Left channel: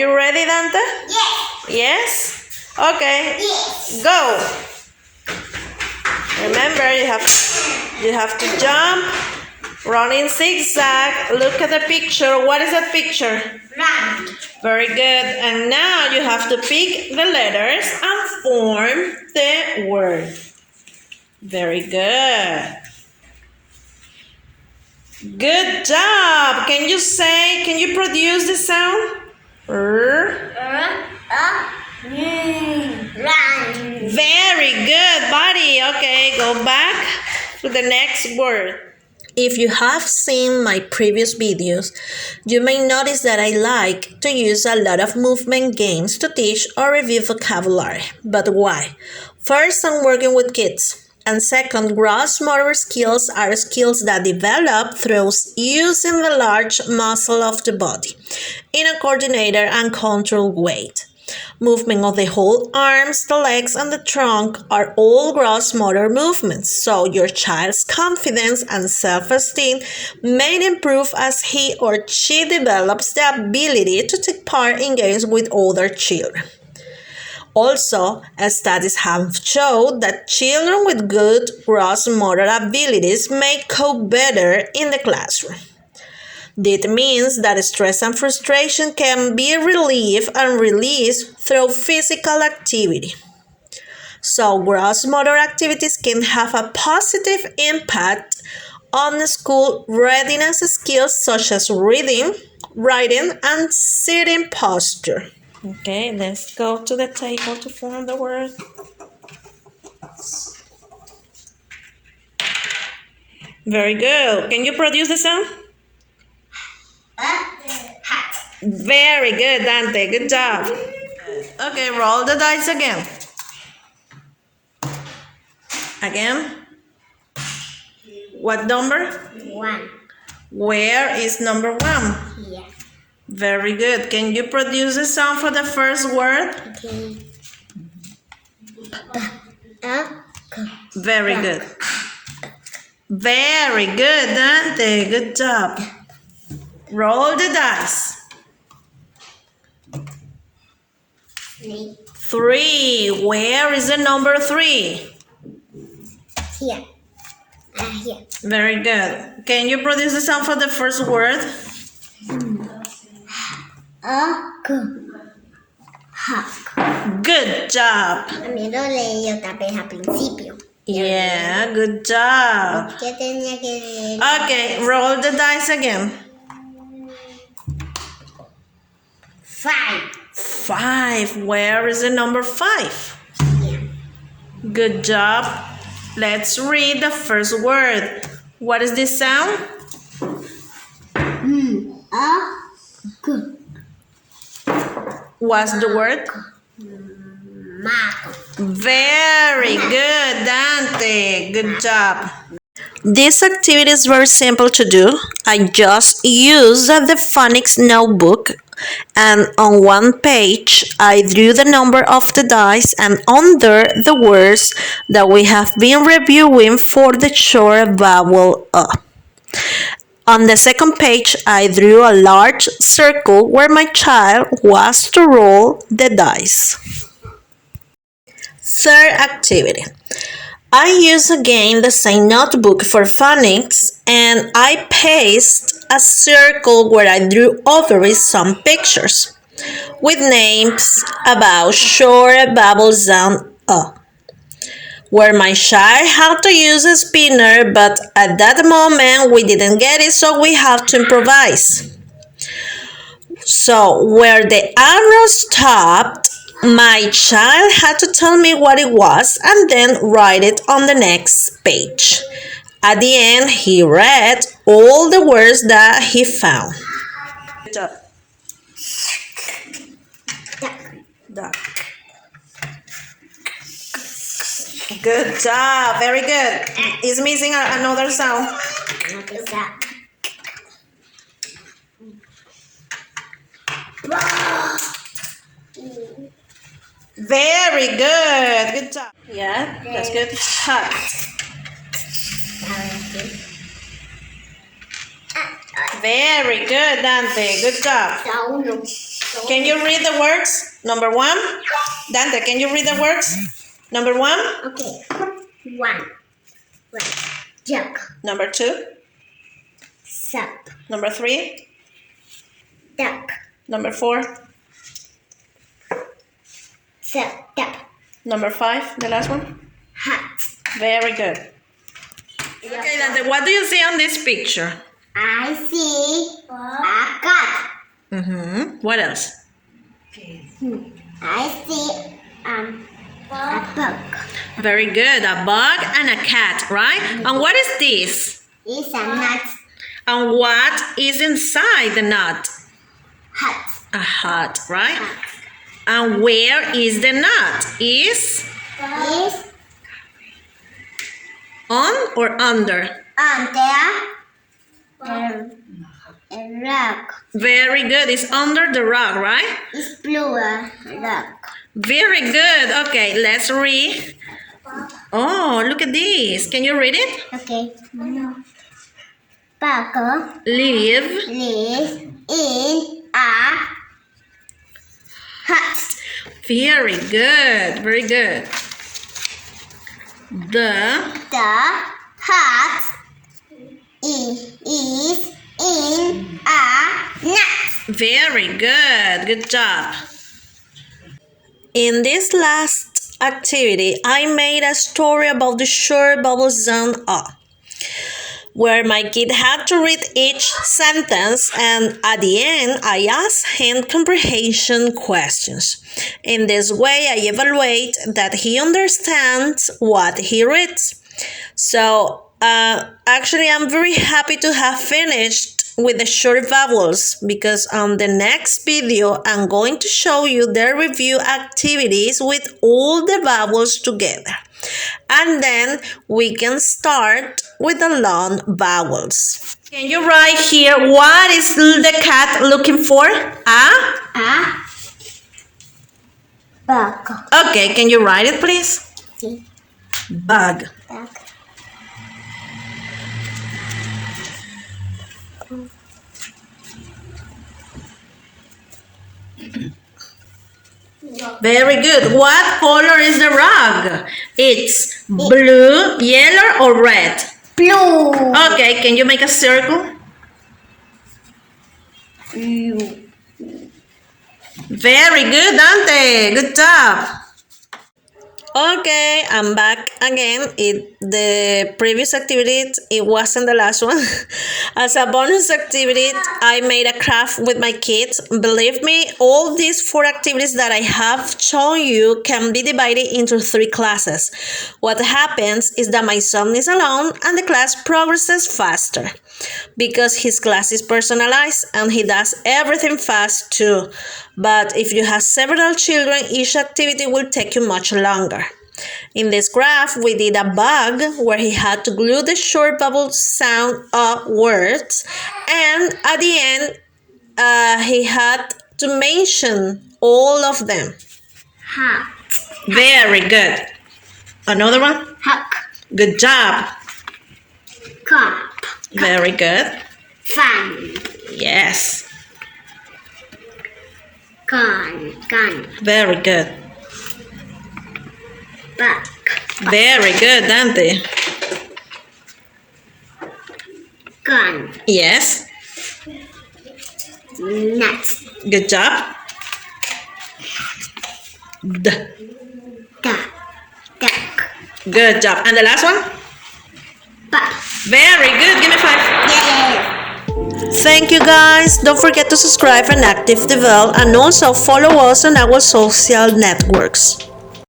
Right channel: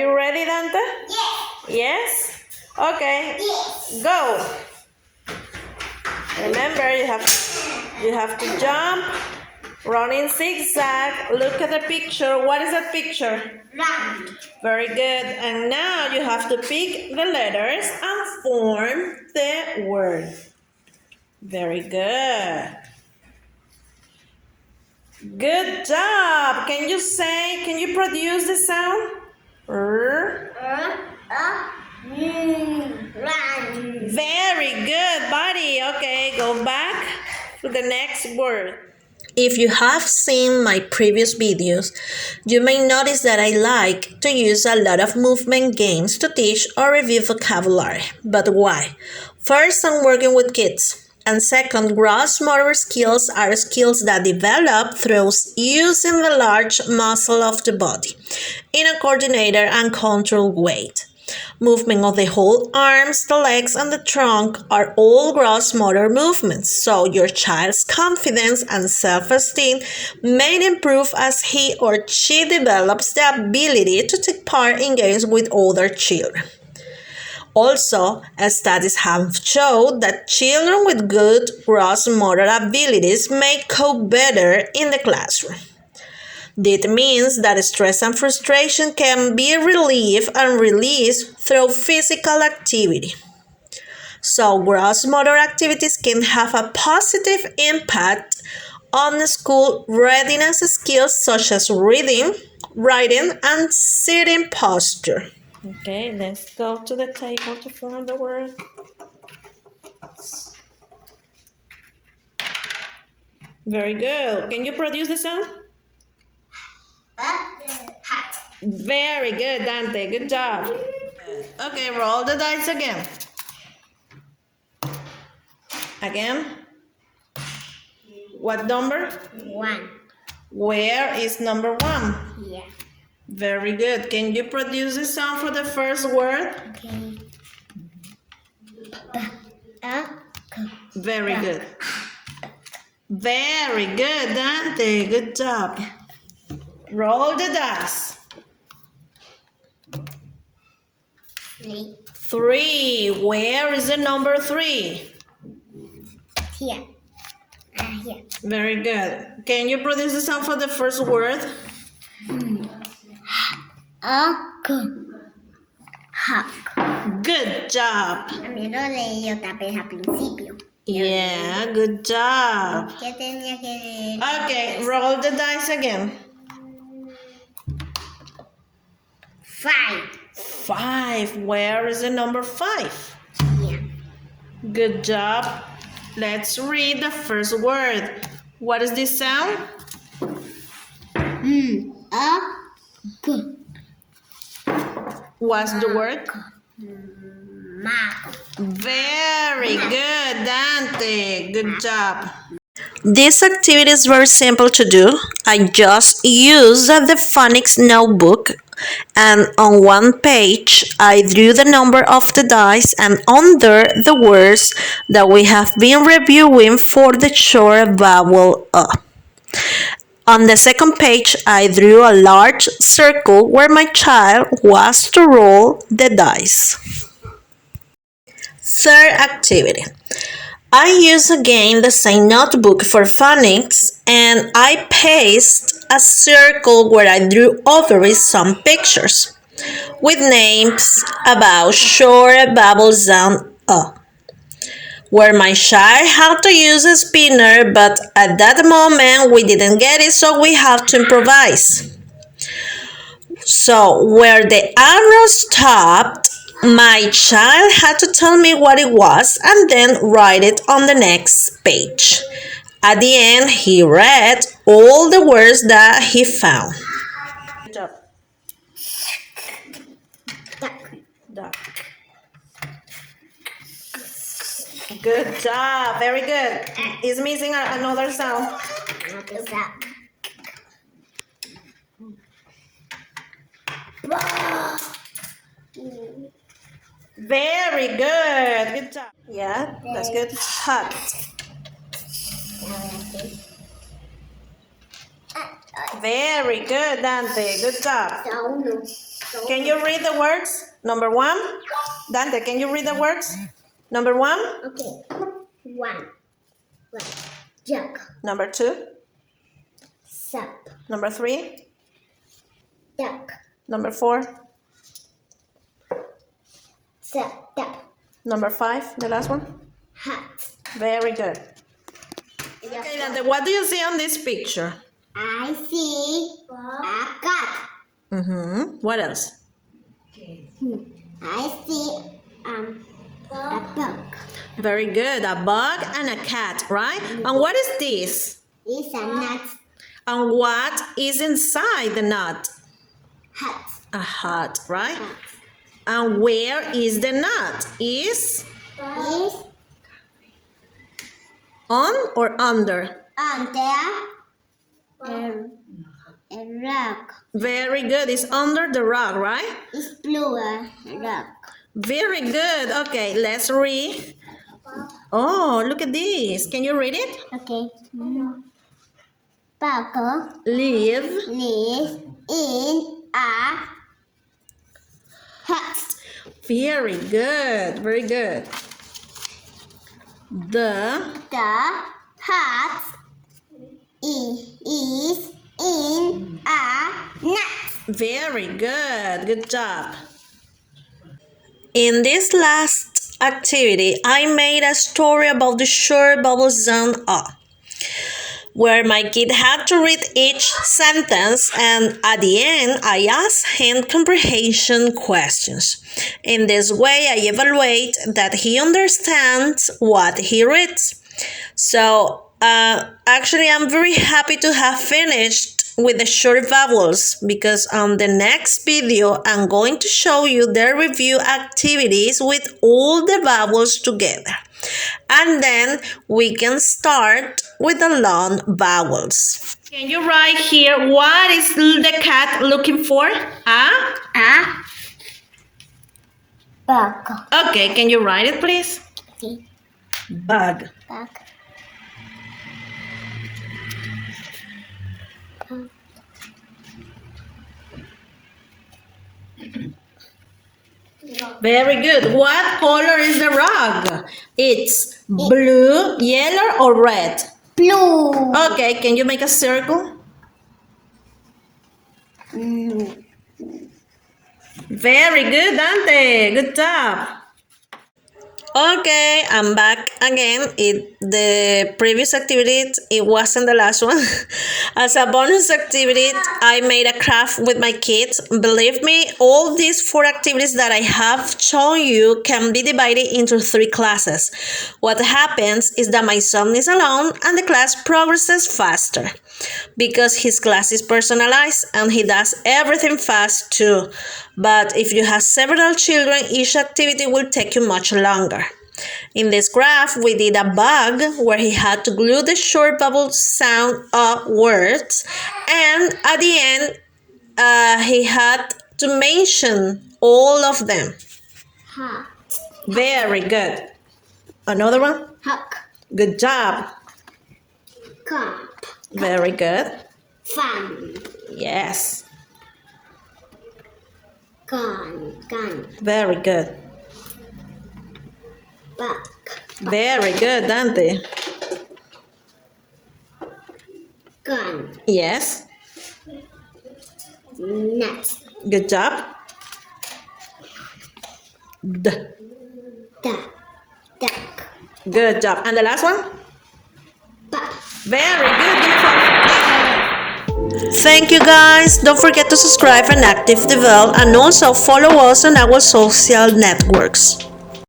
you ready, Dante? Yes. Yes? Okay. Yes. Go. Remember, you have to jump, run in zigzag. Look at the picture. What is that picture? Run. Very good. And now you have to pick the letters and form the word. Very good. Good job. Can you produce the sound? Run. Very good, buddy. Okay, go back to the next word. If you have seen my previous videos, you may notice that I like to use a lot of movement games to teach or review vocabulary. But why? First, I'm working with kids. And second, gross motor skills are skills that develop through using the large muscle of the body in a coordinated and controlled way. Movement of the whole arms, the legs, and the trunk are all gross motor movements, so your child's confidence and self-esteem may improve as he or she develops the ability to take part in games with other children. Also, studies have shown that children with good gross motor abilities may cope better in the classroom. This means that stress and frustration can be relieved and released through physical activity. So, gross motor activities can have a positive impact on school readiness skills such as reading, writing, and sitting posture. Okay, let's go to the table to form the word. Very good. Can you produce the sound? Very good, Dante. Good job. Okay, roll the dice again. Again. What number? 1. Where is number 1? Here. Very good. Can you produce the sound for the first word? Okay. Very good. Very good, Dante. Good job. Roll the dice. 3. 3. Where is the number 3? Here. Here. Very good. Can you produce the sound for the first word? Good job. También lo leí otra vez al principio. Yeah, good job. ¿Qué tenía que leer? Okay, roll the dice again. 5. 5. Where is the number 5? Here. Good job. Let's read the first word. What is this sound? What's the word? Map. Very good, Dante. Good job. This activity is very simple to do. I just use the Phonics notebook, and on one page I drew the number of the dice and under the words that we have been reviewing for the short vowel A. On the second page, I drew a large circle where my child was to roll the dice. Third activity. I use again the same notebook for phonics, and I paste a circle where I drew over it some pictures with names about short vowel sound A, where my child had to use a spinner, but at that moment we didn't get it, so we have to improvise. So where the arrow stopped, my child had to tell me what it was and then write it on the next page. At the end, he read all the words that he found. Good job. Duck. Good job. Very good. It's missing another sound. Very good. Good job. Yeah, that's good. Hut. Very good, Dante. Good job. Can you read the words? Number 1. Dante, can you read the words? Number 1. Okay. 1. Jug. Number 2. Sup. Number 3. Duck. Number 4. Sup. Duck. Number 5, the last one. Hat. Very good. Okay, Dante, what do you see on this picture? I see a cat. What else? I see a bug. Very good. A bug and a cat, right? And what is this? It's a nut. And what is inside the nut? Hat. A hat, right? And where is the nut? Is It's on or under? under the rock. Very good. It's under the rock, right? It's blue rock. Very good. Okay, let's read. Oh, look at this. Can you read it? Okay. Bug Live. lives in a hut. Very good. Very good. The The hut is in a nut. Very good. Good job. In this last activity, I made a story about the short vowel sound A, where my kid had to read each sentence, and at the end, I asked him comprehension questions. In this way, I evaluate that he understands what he reads. So, actually, I'm very happy to have finished with the short vowels, because on the next video I'm going to show you the review activities with all the vowels together, and then we can start with the long vowels. Can you write here what is the cat looking for? A bug. Okay, can you write it please? Okay. Bug. Bug. Very good. What color is the rug? It's blue, yellow, or red? Blue. Okay, can you make a circle? Blue. Very good, Dante. Good job. Okay, I'm back again. The previous activity, it wasn't the last one. As a bonus activity, I made a craft with my kids. Believe me, all these 4 activities that I have shown you can be divided into 3 classes. What happens is that my son is alone and the class progresses faster, because his class is personalized and he does everything fast too. But if you have several children, each activity will take you much longer. In this graph, we did a bug where he had to glue the short vowel sound words, and at the end, he had to mention all of them. Hat. Very good. Another one? Huck. Good job. Cup. Very good. Fun. Yes. Gun. Gun. Very good. Buck. Very good, Dante. Gun. Yes. Nuts. Good job. D. Duck. Duck. Good job. And the last one? Buck. Very good. Give me 5. Thank you guys. Don't forget to subscribe and activate the bell, and also follow us on our social networks.